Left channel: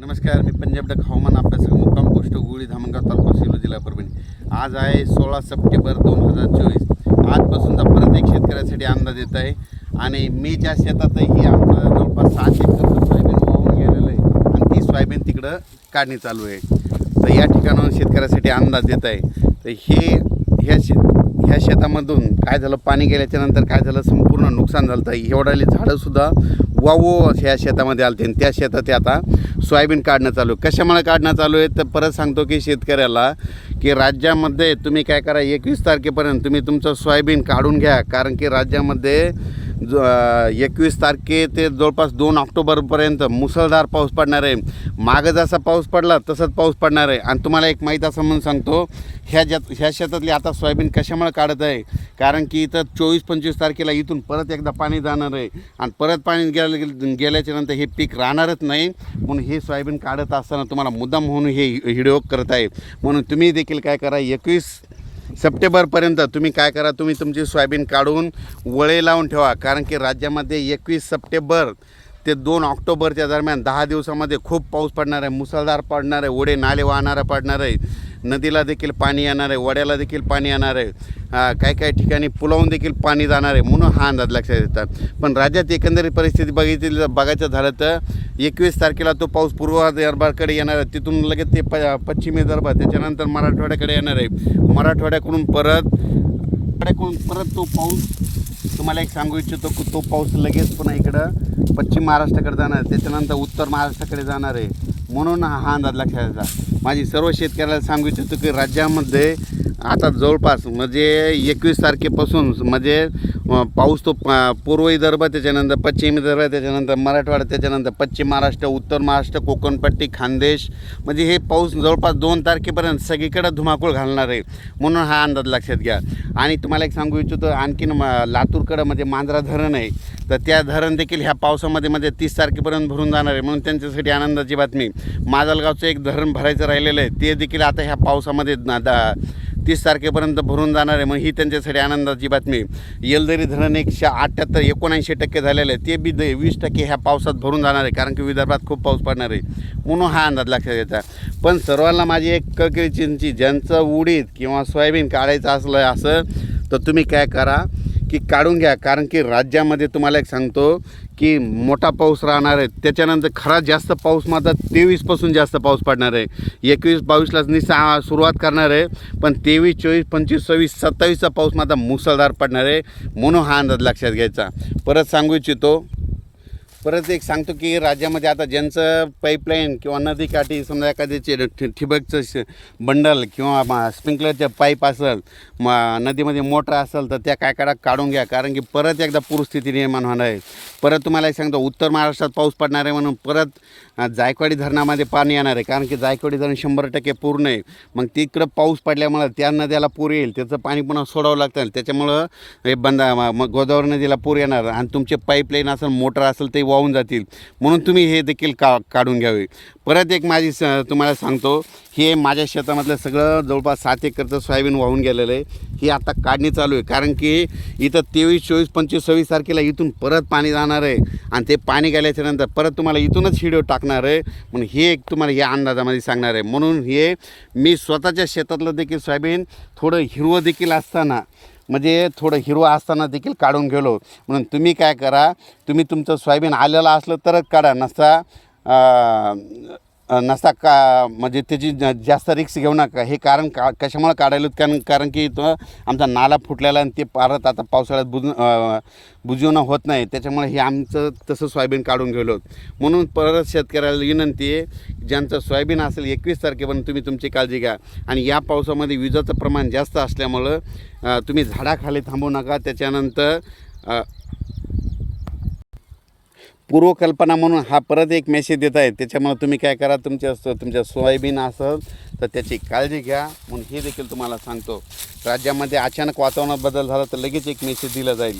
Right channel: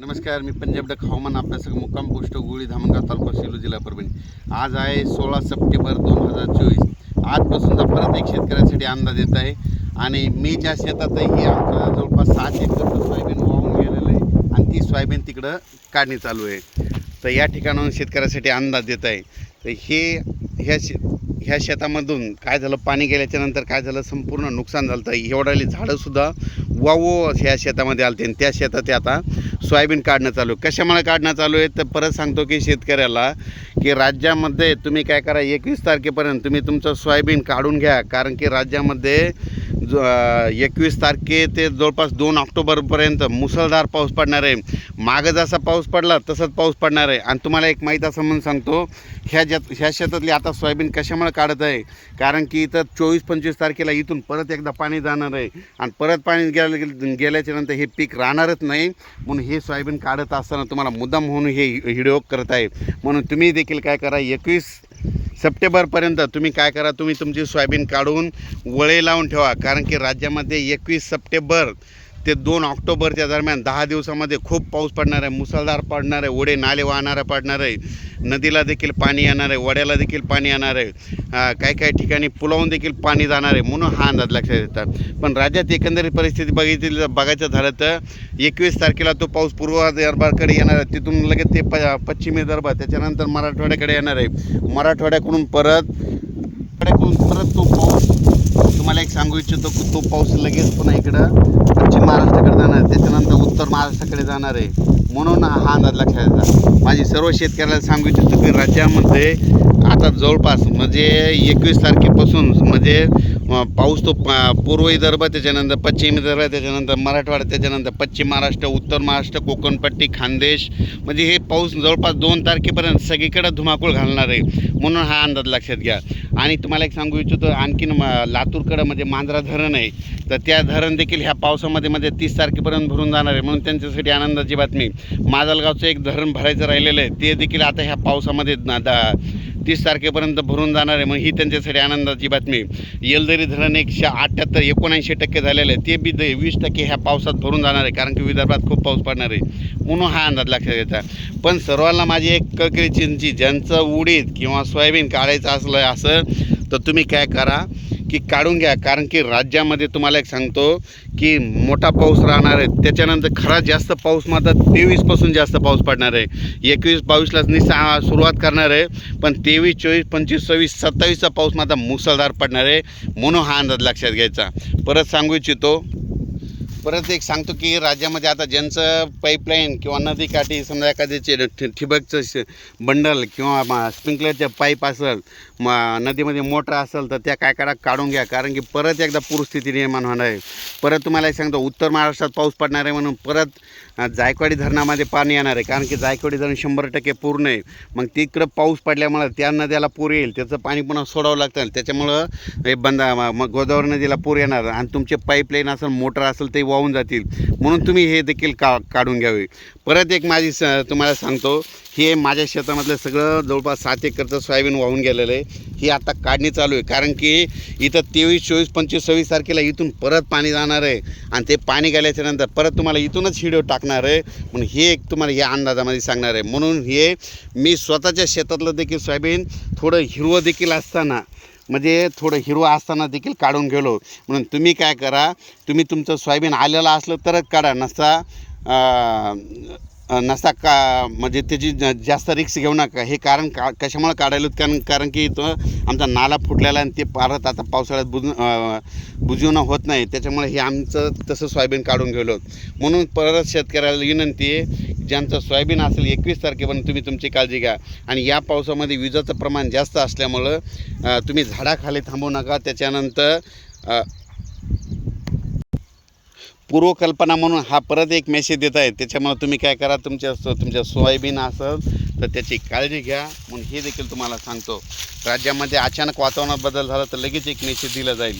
नमस्कार, मी पंजाब डक हवामान अभ्यासक मुक्काम पोस्ट गुळी धामणगाव तालुका सेलू जिल्हा परभणी. आज आहे 16 सप्टेंबर 2024. आजपासूनचा परत एक शेतकऱ्यासाठी अंदाज येत आहे आणि मी ज्या शेतातही आमचं जवळपास 7 एकर सोयाबीन वाहून गेलेलं आहे आणि ती सोयाबीन तिकडं काढणी चालू आहे. तर या ठिकाणाहून शेतकऱ्यासाठी अंदाज येत आहे. तर ह्या शेतामधून काय झालं, पाणी गेल्याच्यानंतर काय झालं, संपूर्ण नुकसान झालं आहे. एवढाली झाडंसुद्धा वावो ह्या शेतामध्ये आलते आणि त्या शेतात ते आता सोयाबीन काढणं चालू आहे. कशामुळे काढणं चालू आहे तर परत सांगतो की शेतकऱ्याला की राज्यामध्ये तुम्ही काय करा, 21 तारखेपर्यंत तुम्ही तुमचं सोयाबीन काढून घ्या. कारण की राज्यामध्ये 21 तारखे ते जवळपास 2 ऑक्टोबरपर्यंत मुसळधार पाऊस पडणार आहे. मागं जसा पाऊस पडला तसंच पाऊस पडणार आहे. आणि तुम्हाला एक माहीत असं म्हणून सांगतो, ह्या शेतातली आता सोयाबीन कशामुळे काढत आहे, कारण की इथं 24-25 तारखेला इथून परत एकदा पाणी जाणार आहे आणि परत पाणी गेल्याच्या नंतर हे पीक राहणारच नाही. म्हणून हे सोयाबीन काढत असताना तुम्हाला मुद्दाम म्हणून हे व्हिडिओ करत आहे. म्हणून तुम्ही देखील काय करा, 21 सप्टेंबरपर्यंत तुम्ही काय करा, तुम्ही तुमची सोयाबीन काढून वळे लावून ठेवा. कारण की राज्यामध्ये 21 सप्टेंबर ते 2 ऑक्टोबरच्या दरम्यान 10 दिवसामध्ये खूप पाऊस पडणार आहे, मुसळधार पडणार आहे, ओढे नाले वाहणारा पडणार आहे, नदीला देखील पाणी येणार आहे, वड्याला देखील पाणी येणार आहे, काही ठिकाणी पुलावून देखील पाणी जाणार आहे. म्हणून हा अंदाज लक्षात येतात. पण राज्यात एकंदरीत परिस्थिती बघायचं झालं तर 21 तारखेला तो पाऊस पूर्व विदर्भाकडे येणार आहे, तिथून लगेच ते पश्चिम विदर्भ, त्याच्यानंतर मराठवाड्याकडे येणार आहे. मराठवाड्याकडून परत तो पाऊस, तुम्हाला एक सांगू इच्छितो की तो पाऊस लगेच पुन्हा इकडं पश्चिम महाराष्ट्राकडे जाणार, त्याच्यानंतर उत्तर महाराष्ट्राकडे जाणार आहे. म्हणून हा अंदाज लक्षात येतात. माझी सर्व शेतकऱ्याला सांगू इच्छितो की राज्यामध्ये आता जवळपास म्हणजे 21 तारखेपासून म्हणजे पाऊस तो पूर्व विदर्भ, त्याच्यानंतर पश्चिम विदर्भ, त्याच्यानंतर मराठवाडा, त्याच्यानंतर पश्चिम महाराष्ट्र, उत्तर महाराष्ट्र, कोकणपट्टी, खानदेश, म्हणजे हे पाऊस जवळपास 2 तारखेपर्यंत सगळीकडे धुमाकूळ घालणार आहे. म्हणून हा अंदाज लक्षात घ्या. आणि तुम्हाला एक सांगू इच्छितो, आणखीन लातूरकडं म्हणजे मांजरा धरण आहे, तर त्या धरण देखील ह्या पावसामध्ये 30 तारखेपर्यंत भरून जाणार आहे. म्हणून त्यांच्यासाठी आनंदाची बातमी, माजलगावचं एक धरण भरायचं राहिलेलं आहे, ते देखील आता ह्या पावसामध्ये 30 तारखेपर्यंत भरून जाणार आहे. मग ही त्यांच्यासाठी आनंदाची बातमी. येलदरी धरण 178-79% झालेलं आहे, ते बी 20% ह्या पावसात भरून जाणार आहे, कारण की विदर्भात खूप पाऊस पडणार आहे. म्हणून हा अंदाज लक्षात घ्यायचा. पण सर्वांना माझी एक कळकळीची, ज्यांचं उडीद किंवा सोयाबीन काढायचं असलं असं तर तुम्ही काय करा की काढून घ्या. कारण की राज्यामध्ये तुम्हाला एक सांगतो की मोठा पाऊस राहणार आहे. त्याच्यानंतर खरा जास्त पाऊस मात्र 23पासून जास्त पाऊस पडणार आहे. 21-22ला सुरुवात करणार आहे, पण 23, 24, 25, 26, 27चा पाऊस मात्र मुसळधार पडणार आहे. म्हणून हा अंदाज लक्षात घ्यायचा. परत सांगू इच्छितो, परत एक सांगतो की राज्यामध्ये आता ज्यांचं पाईपलाईन किंवा नदीकाठी समजा एखाद्याचे ठिबकचं बंडल किंवा स्प्रिंकलरचे पाईप असेल, नदीमध्ये मोटर असेल, तर त्या काय काढून घ्या. कारण की परत एकदा पूरस्थिती निर्माण होणार आहे. परत तुम्हाला एक सांगतो, उत्तर महाराष्ट्रात पाऊस पडणार आहे, म्हणून परत जायकवाडी धरणामध्ये पाणी येणार आहे. कारण की जायकवाडी धरण 100% पूर्ण आहे. मग तिकडं पाऊस पडल्यामुळं त्या नद्याला पूर येईल, त्याचं पाणी पुन्हा सोडावं लागतं, त्याच्यामुळं हे मग गोदावरी नदीला पूर येणार आणि तुमचे पाईपलाईन असेल, मोटर असेल, ते वाहून जातील. म्हणून तुम्ही हे देखील काढून घ्यावे. परत एक माझी तुम्हाला सांगतो, हे माझ्या शेतामधलं सगळं जवळपास 7 एकरचं सोयाबीन वाहून गेलेलं आहे. ही आता काढणी चालू आहे. कारण की इथं 23, 24, 25, 26 तारखेला इथून परत पाणी जाणार आहे आणि ते पाणी गेल्याच्या नंतर परत तुम्हाला इथूनच व्हिडिओ टाकणार आहे. म्हणून हे एक तुम्हाला या अंदाजामध्ये सांगणार आहे. म्हणून हे मी स्वतःच्या शेतातलं देखील सोयाबीन थोडं हिरवं देखील असताना, म्हणजे थोडं हिरवं असताना देखील काढून गेलो. म्हणून तुम्ही काय करा, तुम्ही तुमचं सोयाबीन आलेलं असलं तरच काढा, नसता म्हणजे त्याची जास्त रिक्स घेऊ नका. हे कारण कशामुळे काढायला, कारण की तो आमचा नाला फुटलेला आणि ते परत आता पावसाळ्यात बुजवणं होत नाही, त्याच्यामुळे हे आमचं तसं सोयाबीन काढून गेलो. म्हणून परत शेतकऱ्याला विनंती आहे, ज्यांचं सोयाबीन असेल 21 तारखेपर्यंत तुम्ही तुमची काळजी घ्या. आणि या पावसामध्ये विजेचं प्रमाण जास्त असल्यामुळं तुम्ही झाडाखाली थांबू नका. त्याच्यानंतर पूर्वकल्पना म्हणून हा परत एक मेसेज देत आहे. त्याच्यामुळे तुम्ही काय करा, तुमच्या सोयाबीन असेल तर त्याची काळजी घ्या. म्हणून हे देखील तुम्हाला सांगतो. राज्यामध्ये अचानक वातावरणात बदल झाला तर लगेच एक मेसेज दिला जाईल.